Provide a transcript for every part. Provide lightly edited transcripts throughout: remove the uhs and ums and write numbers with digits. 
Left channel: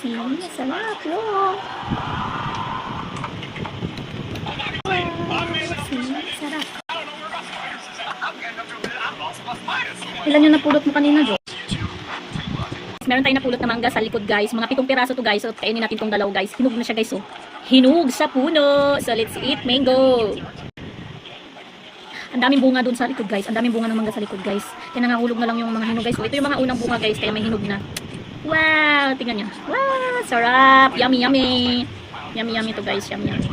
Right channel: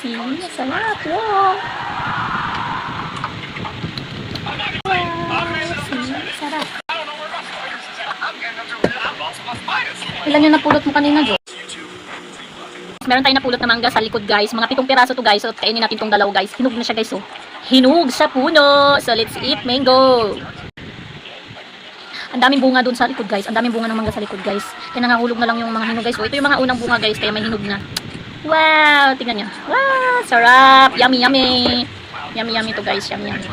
juicy. Sarap. Wow. Sarap. Ilan yung napulot mo kanina, Jo? Meron tayong napulot na mangga sa likod, guys. Mga 7 piraso to, guys. So, kainin natin tong dalaw, guys. Hinog na siya, guys. Oh. Hinog sa puno. So, let's eat mango. Ang daming bunga dun sa likod, guys. Ang daming bunga ng mangga sa likod, guys. Kaya nangahulog na lang yung mga hinog, guys. So, ito yung mga unang bunga, guys. Kaya may hinog na. Wow! Tingnan nyo. Wow! Sarap! Yummy, yummy! Yummy, yummy to, guys. Yummy, yummy.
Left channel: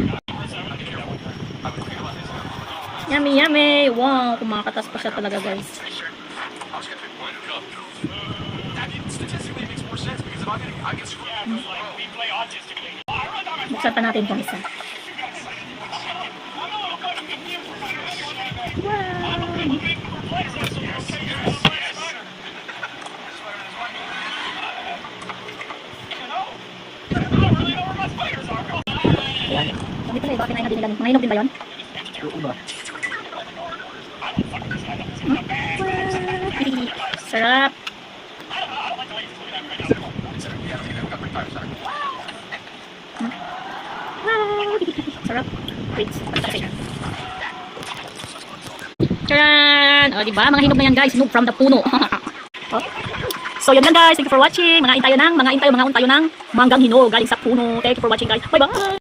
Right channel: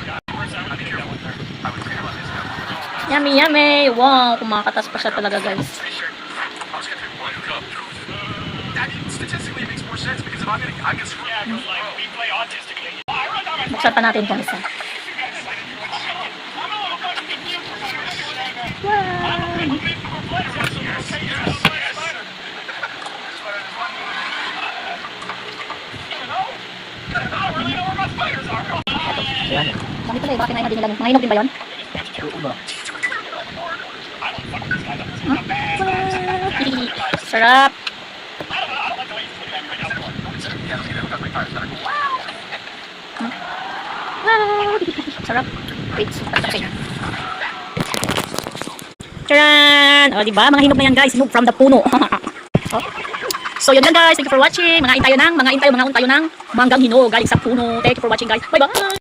Yummy, yummy! Wow! Kumakatas pa siya talaga, guys. Buksan pa natin kung isa. Ayan. Dami pala eh, bakit na din lang? Mga hinog din ba yun? Sarap. Sarap. Wait, patapin. Charan! O, diba? Mga hinog na yan, guys. Hinog from the puno. Oh. So, yun yan, guys. Thank you for watching. Mga untayo ng manggang hinog galing sa puno. Thank you for watching, guys. Bye-bye!